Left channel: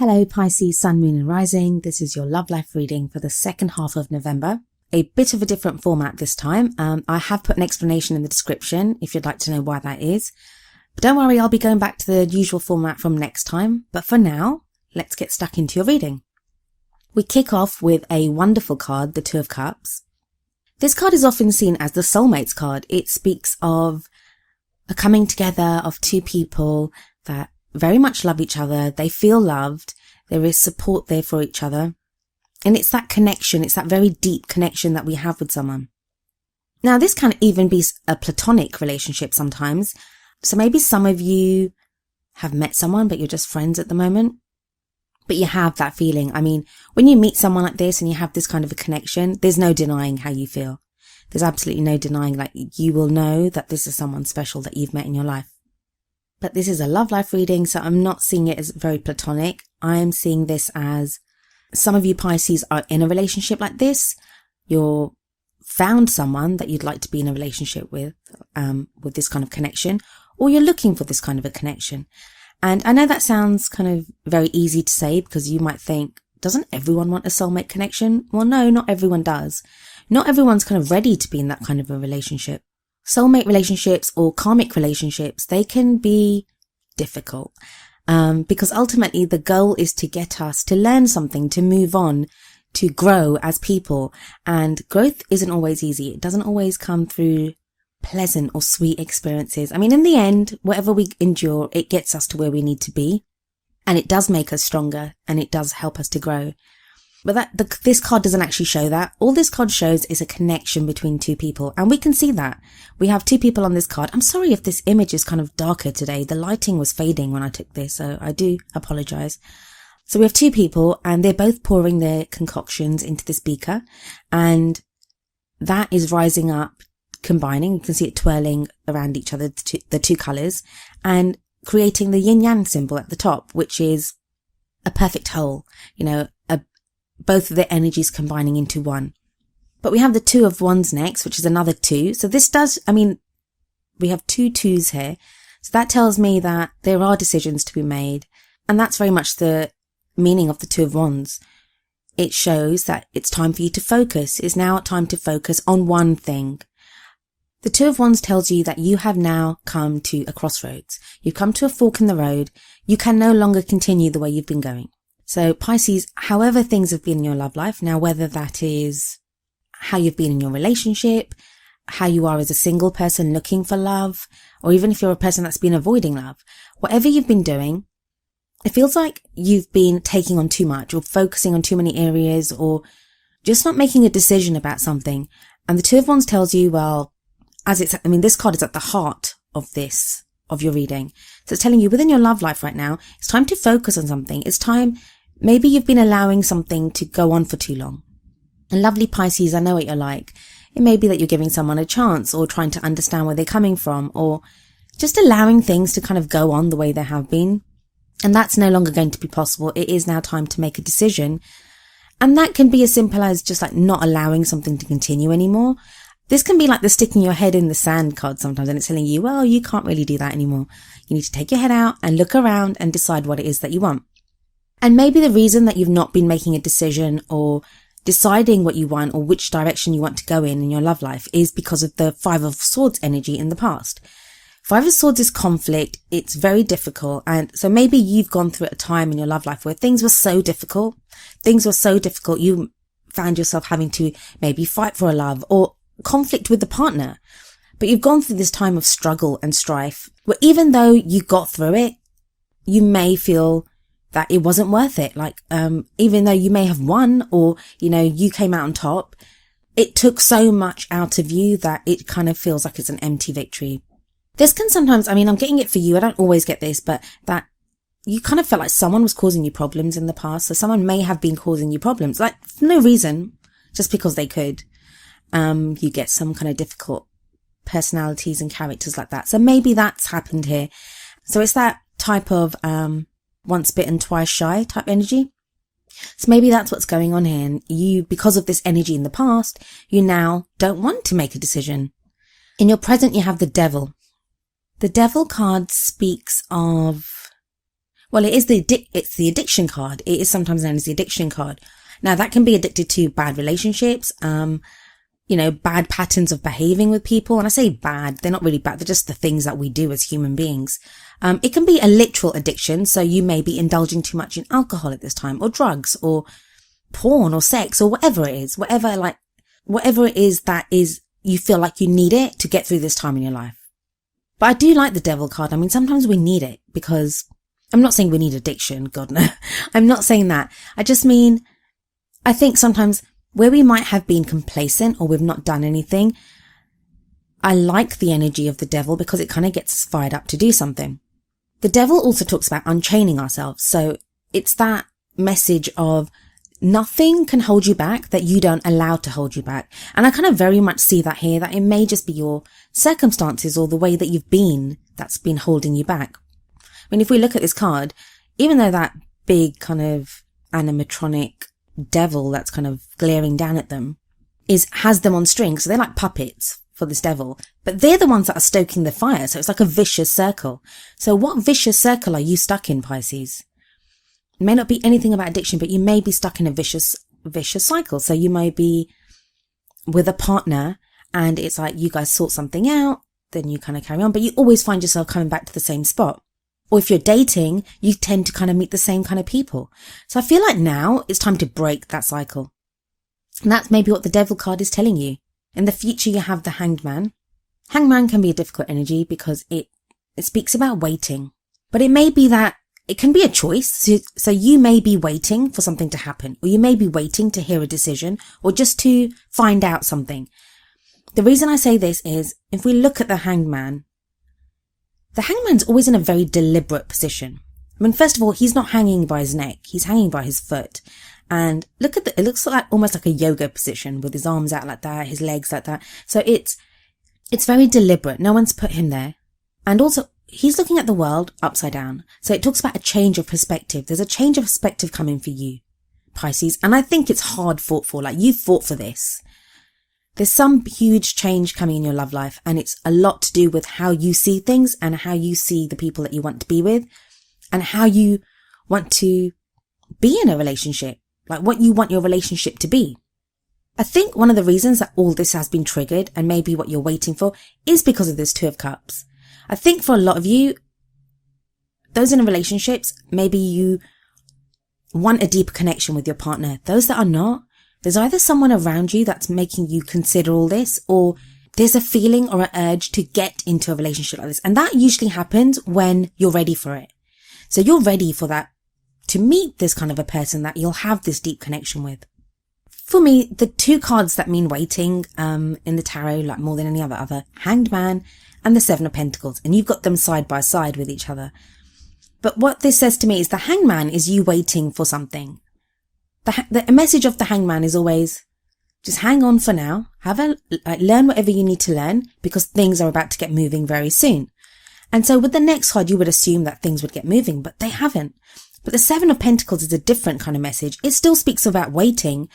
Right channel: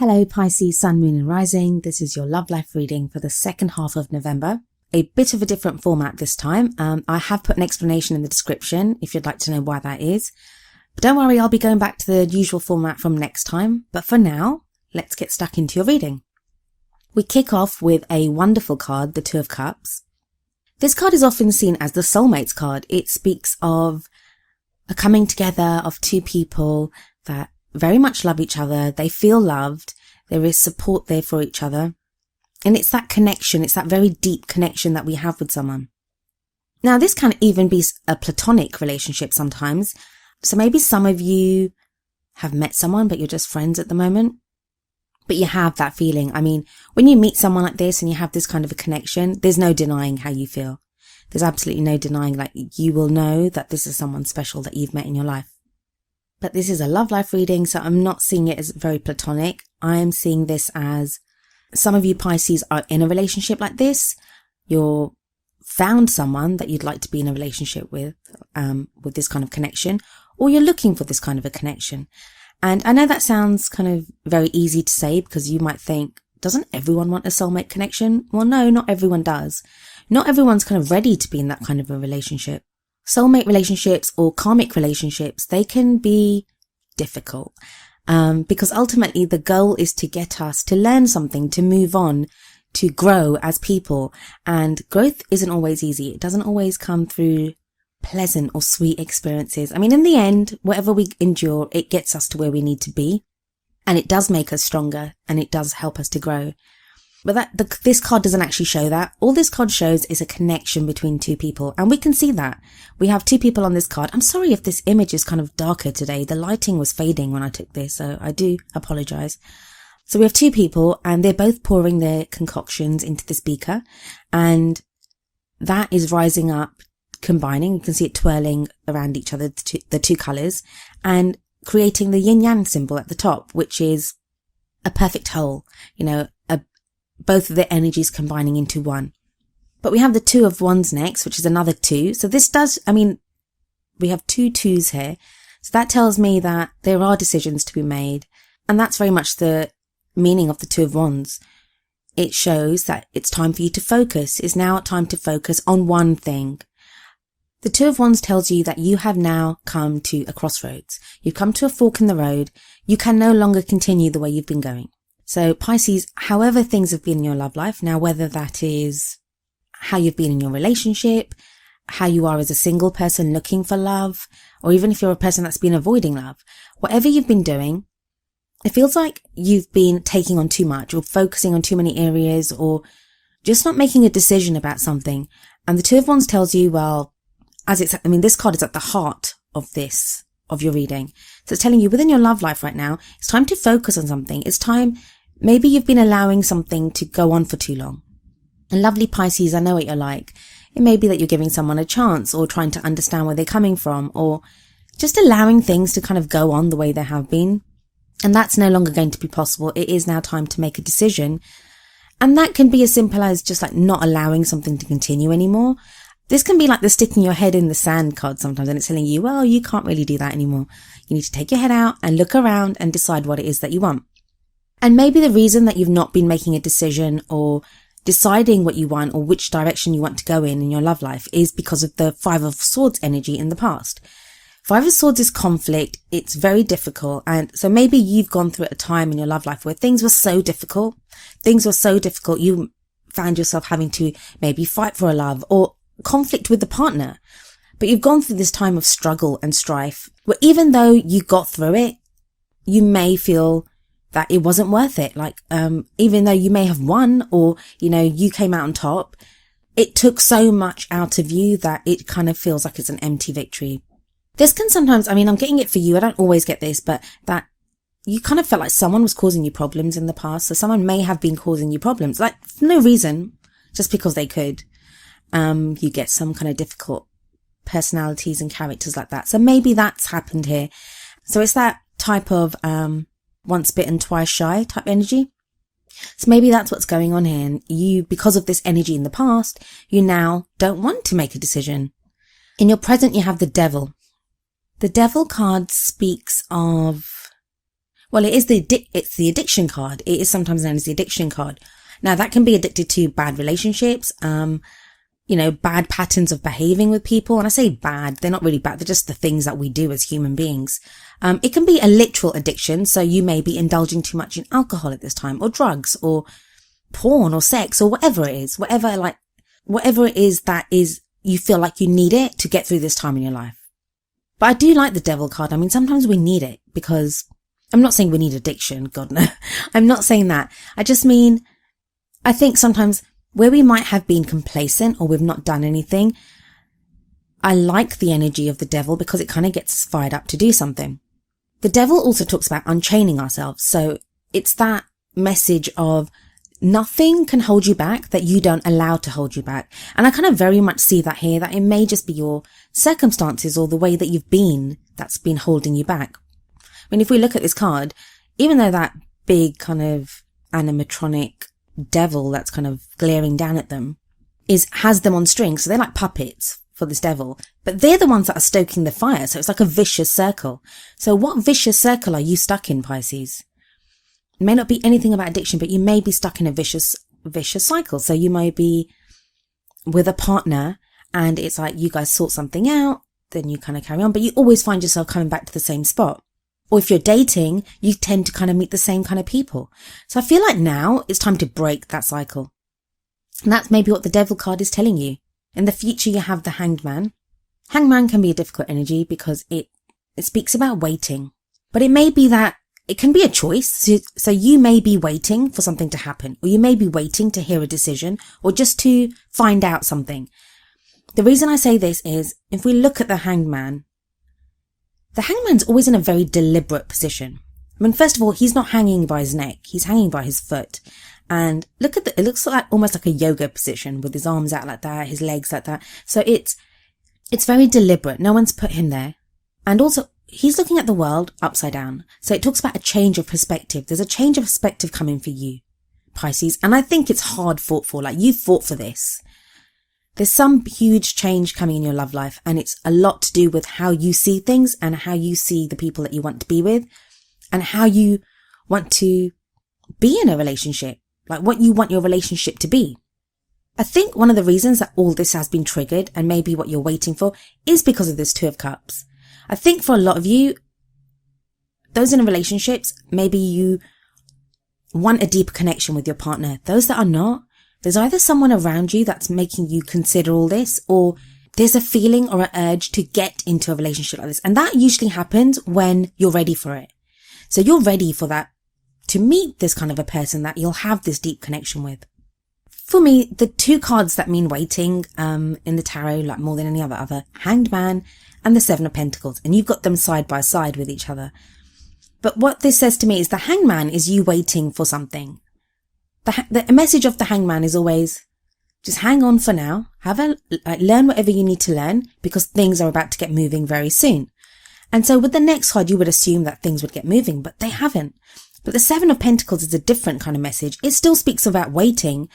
Hello Pisces, Sun, Moon and Rising. This is your love life reading for the second half of November. A bit of a different format this time. I have put an explanation in the description if you'd like to know why that is. But don't worry, I'll be going back to the usual format from next time. But for now, let's get stuck into your reading. We kick off with a wonderful card, the Two of Cups. This card is often seen as the soulmates card. It speaks of a coming together of two people that very much love each other. They feel loved. There is support there for each other. And it's that connection. It's that very deep connection that we have with someone. Now, this can even be a platonic relationship sometimes. So maybe some of you have met someone, but you're just friends at the moment. But you have that feeling. I mean, when you meet someone like this and you have this kind of a connection, there's no denying how you feel. There's absolutely no denying, like, you will know that this is someone special that you've met in your life. But this is a love life reading, so I'm not seeing it as very platonic. I'm seeing this as some of you Pisces are in a relationship like this. You're found someone that you'd like to be in a relationship with this kind of connection, or you're looking for this kind of a connection. And I know that sounds kind of very easy to say because you might think, doesn't everyone want a soulmate connection? Well, no, not everyone does. Not everyone's kind of ready to be in that kind of a relationship. Soulmate relationships or karmic relationships, they can be difficult because ultimately the goal is to get us to learn something, to move on, to grow as people. And growth isn't always easy. It doesn't always come through pleasant or sweet experiences. I mean, in the end, whatever we endure, it gets us to where we need to be. And it does make us stronger and it does help us to grow. But this card doesn't actually show that. All this card shows is a connection between two people. And we can see that. We have two people on this card. I'm sorry if this image is kind of darker today. The lighting was fading when I took this, so I do apologize. So we have two people and they're both pouring their concoctions into this beaker. And that is rising up, combining. You can see it twirling around each other, the two colors, and creating the yin-yang symbol at the top, which is a perfect whole, both of the energies combining into one. But we have the Two of Wands next, which is another two. So this we have two twos here. So that tells me that there are decisions to be made. And that's very much the meaning of the Two of Wands. It shows that it's time for you to focus. It's now time to focus on one thing. The Two of Wands tells you that you have now come to a crossroads. You've come to a fork in the road. You can no longer continue the way you've been going. So Pisces, however things have been in your love life, now whether that is how you've been in your relationship, how you are as a single person looking for love, or even if you're a person that's been avoiding love, whatever you've been doing, it feels like you've been taking on too much or focusing on too many areas or just not making a decision about something. And the Two of Wands tells you, well, this card is at the heart of your reading. So it's telling you within your love life right now, it's time to focus on something. It's time. Maybe you've been allowing something to go on for too long. And lovely Pisces, I know what you're like. It may be that you're giving someone a chance or trying to understand where they're coming from or just allowing things to kind of go on the way they have been. And that's no longer going to be possible. It is now time to make a decision. And that can be as simple as just like not allowing something to continue anymore. This can be like the sticking your head in the sand card sometimes, and it's telling you, well, you can't really do that anymore. You need to take your head out and look around and decide what it is that you want. And maybe the reason that you've not been making a decision or deciding what you want or which direction you want to go in your love life is because of the Five of Swords energy in the past. Five of Swords is conflict. It's very difficult. And so maybe you've gone through a time in your love life where things were so difficult. You found yourself having to maybe fight for a love or conflict with the partner. But you've gone through this time of struggle and strife where even though you got through it, you may feel that it wasn't worth it. Like, even though you may have won or, you came out on top, it took so much out of you that it kind of feels like it's an empty victory. This can sometimes, I'm getting it for you. I don't always get this, but that you kind of feel like someone was causing you problems in the past. So someone may have been causing you problems, like for no reason, just because they could. You get some kind of difficult personalities and characters like that. So maybe that's happened here. So it's that type of, once bitten, twice shy type energy. So maybe that's what's going on here. And you, because of this energy in the past, you now don't want to make a decision. In your present, you have the Devil. The Devil card speaks of Well, it's the addiction card. It is sometimes known as the addiction card. Now, that can be addicted to bad relationships, bad patterns of behaving with people. And I say bad, they're not really bad. They're just the things that we do as human beings. It can be a literal addiction. So you may be indulging too much in alcohol at this time, or drugs, or porn, or sex, or whatever it is, whatever it is that is, you feel like you need it to get through this time in your life. But I do like the devil card. I mean, sometimes we need it, because I'm not saying we need addiction. God, no. I'm not saying that. I just mean, I think sometimes where we might have been complacent or we've not done anything, I like the energy of the devil because it kind of gets us fired up to do something. The devil also talks about unchaining ourselves. So it's that message of nothing can hold you back that you don't allow to hold you back. And I kind of very much see that here, that it may just be your circumstances or the way that you've been that's been holding you back. I mean, if we look at this card, even though that big kind of animatronic devil that's kind of glaring down at them has them on strings, so they're like puppets for this devil, but they're the ones that are stoking the fire. So it's like a vicious circle. So what vicious circle are you stuck in, Pisces? It may not be anything about addiction, but you may be stuck in a vicious cycle. So you may be with a partner and it's like you guys sort something out, then you kind of carry on, but you always find yourself coming back to the same spot. Or if you're dating, you tend to kind of meet the same kind of people. So I feel like now it's time to break that cycle. And that's maybe what the devil card is telling you. In the future, you have the hanged man. Hanged man can be a difficult energy because it speaks about waiting. But it may be that it can be a choice. So you may be waiting for something to happen, or you may be waiting to hear a decision, or just to find out something. The reason I say this is, if we look at the hanged man's always in a very deliberate position. I mean, first of all, he's not hanging by his neck. He's hanging by his foot. And it looks like almost like a yoga position with his arms out like that, his legs like that. So it's very deliberate. No one's put him there. And also, he's looking at the world upside down. So it talks about a change of perspective. There's a change of perspective coming for you, Pisces. And I think it's hard fought for. Like, you fought for this. There's some huge change coming in your love life, and it's a lot to do with how you see things and how you see the people that you want to be with and how you want to be in a relationship, like what you want your relationship to be. I think one of the reasons that all this has been triggered, and maybe what you're waiting for, is because of this Two of Cups. I think for a lot of you, those in relationships, maybe you want a deeper connection with your partner. Those that are not, there's either someone around you that's making you consider all this, or there's a feeling or an urge to get into a relationship like this. And that usually happens when you're ready for it. So you're ready for that, to meet this kind of a person that you'll have this deep connection with. For me, the two cards that mean waiting in the tarot, like more than any other, Hanged Man and the Seven of Pentacles. And you've got them side by side with each other. But what this says to me is the Hanged Man is you waiting for something. The message of the Hanged Man is always, just hang on for now, learn whatever you need to learn, because things are about to get moving very soon. And so with the next card, you would assume that things would get moving, but they haven't. But the Seven of Pentacles is a different kind of message. It still speaks about waiting,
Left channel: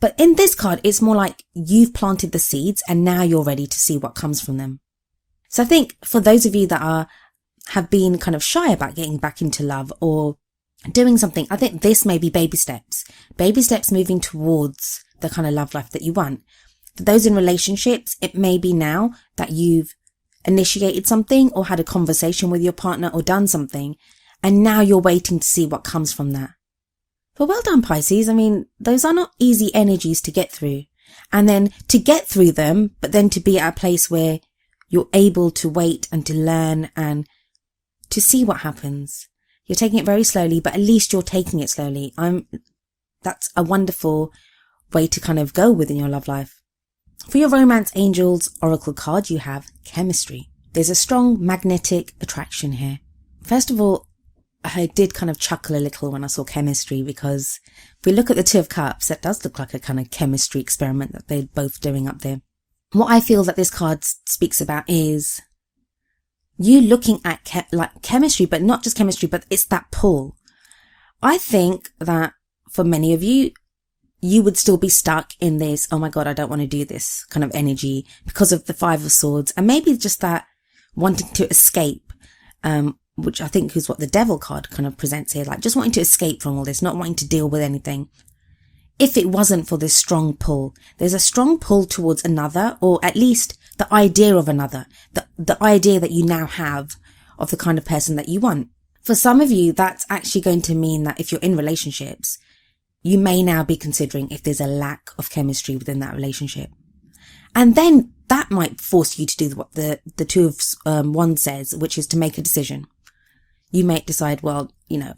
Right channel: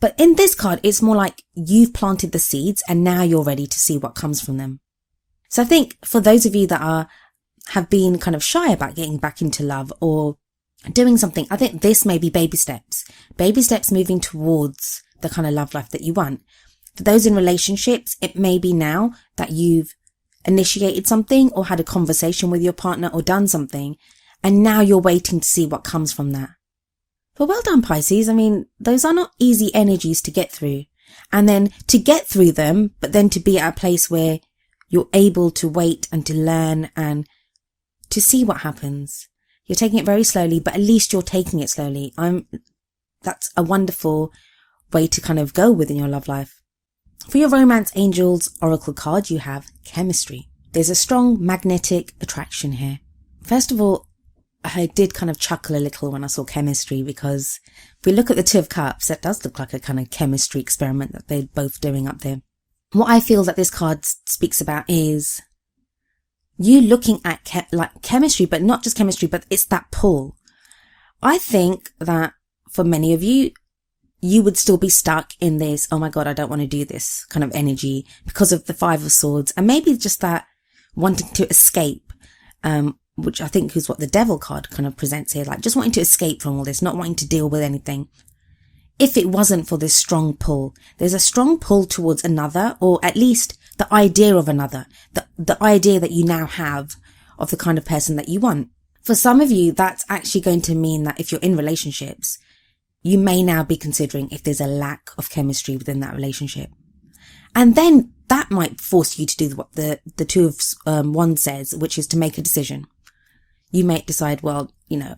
but in this card, it's more like you've planted the seeds and now you're ready to see what comes from them. So I think for those of you that have been kind of shy about getting back into love or doing something, I think this may be baby steps moving towards the kind of love life that you want. For those in relationships, it may be now that you've initiated something or had a conversation with your partner or done something, and now you're waiting to see what comes from that. But well done, Pisces. I mean, those are not easy energies to get through. And then to get through them, but then to be at a place where you're able to wait and to learn and to see what happens. You're taking it very slowly, but at least you're taking it slowly. That's a wonderful way to kind of go within your love life. For your Romance Angels Oracle card, you have chemistry. There's a strong magnetic attraction here. First of all, I did kind of chuckle a little when I saw chemistry, because if we look at the Two of Cups, it does look like a kind of chemistry experiment that they're both doing up there. What I feel that this card speaks about is you looking at chemistry, but not just chemistry, but it's that pull. I think that for many of you, you would still be stuck in this, oh my God, I don't want to do this kind of energy because of the Five of Swords. And maybe just that wanting to escape, which I think is what the devil card kind of presents here, like just wanting to escape from all this, not wanting to deal with anything. If it wasn't for this strong pull, there's a strong pull towards another, or at least the idea of another, the idea that you now have of the kind of person that you want. For some of you, that's actually going to mean that if you're in relationships, you may now be considering if there's a lack of chemistry within that relationship. And then that might force you to do what the Two of Wands says, which is to make a decision. You might decide, well,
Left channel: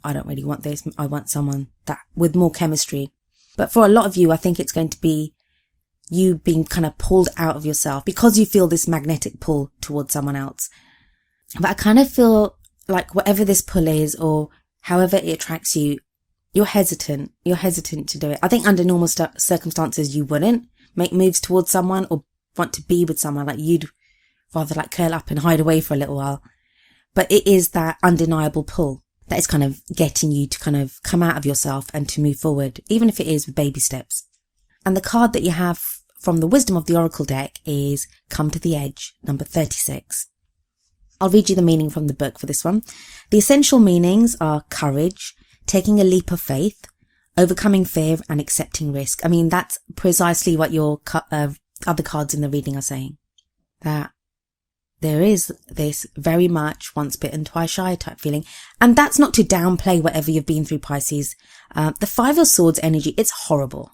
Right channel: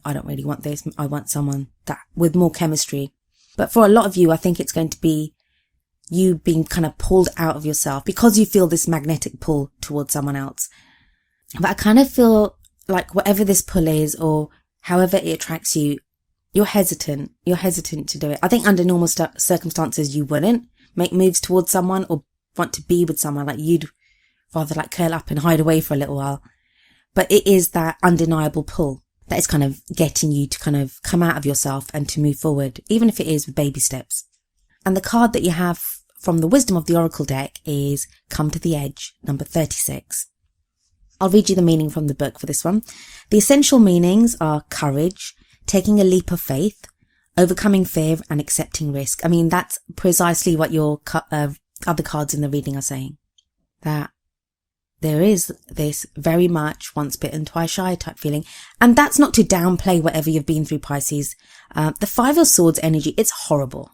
I don't really want this. I want someone that with more chemistry. But for a lot of you, I think it's going to be you being kind of pulled out of yourself because you feel this magnetic pull towards someone else. But I kind of feel like whatever this pull is, or however it attracts you, you're hesitant. You're hesitant to do it. I think under normal circumstances, you wouldn't make moves towards someone or want to be with someone. Like you'd rather like curl up and hide away for a little while. But it is that undeniable pull that is kind of getting you to kind of come out of yourself and to move forward, even if it is with baby steps. And the card that you have from the Wisdom of the Oracle deck is Come to the Edge, number 36. I'll read you the meaning from the book for this one. The essential meanings are courage, taking a leap of faith, overcoming fear and accepting risk. I mean, that's precisely what your other cards in the reading are saying. That there is this very much once bitten, twice shy type feeling. And that's not to downplay whatever you've been through, Pisces. The Five of Swords energy, it's horrible.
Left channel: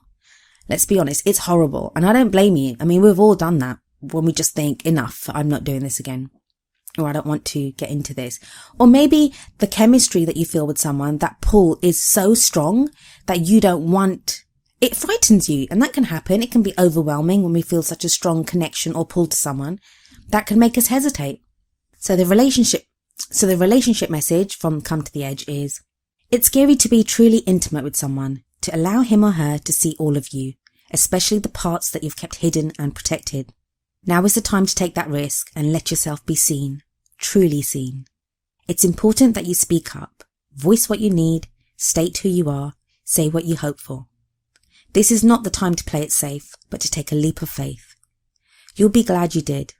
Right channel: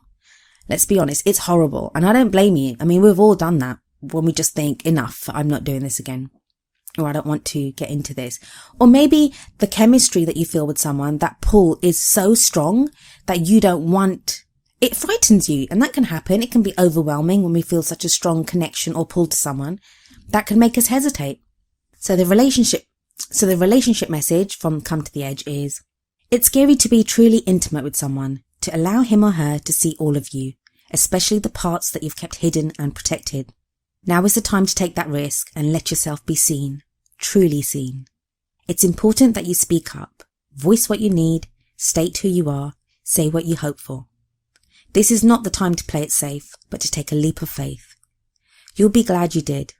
Let's be honest, it's horrible. And I don't blame you. I mean, we've all done that when we just think, enough, I'm not doing this again. Or I don't want to get into this. Or maybe the chemistry that you feel with someone, that pull is so strong that you don't want, it frightens you. And that can happen. It can be overwhelming when we feel such a strong connection or pull to someone. That can make us hesitate. So the relationship message from Come to the Edge is, it's scary to be truly intimate with someone, to allow him or her to see all of you, especially the parts that you've kept hidden and protected. Now is the time to take that risk and let yourself be seen, truly seen. It's important that you speak up, voice what you need, state who you are, say what you hope for. This is not the time to play it safe, but to take a leap of faith. You'll be glad you did.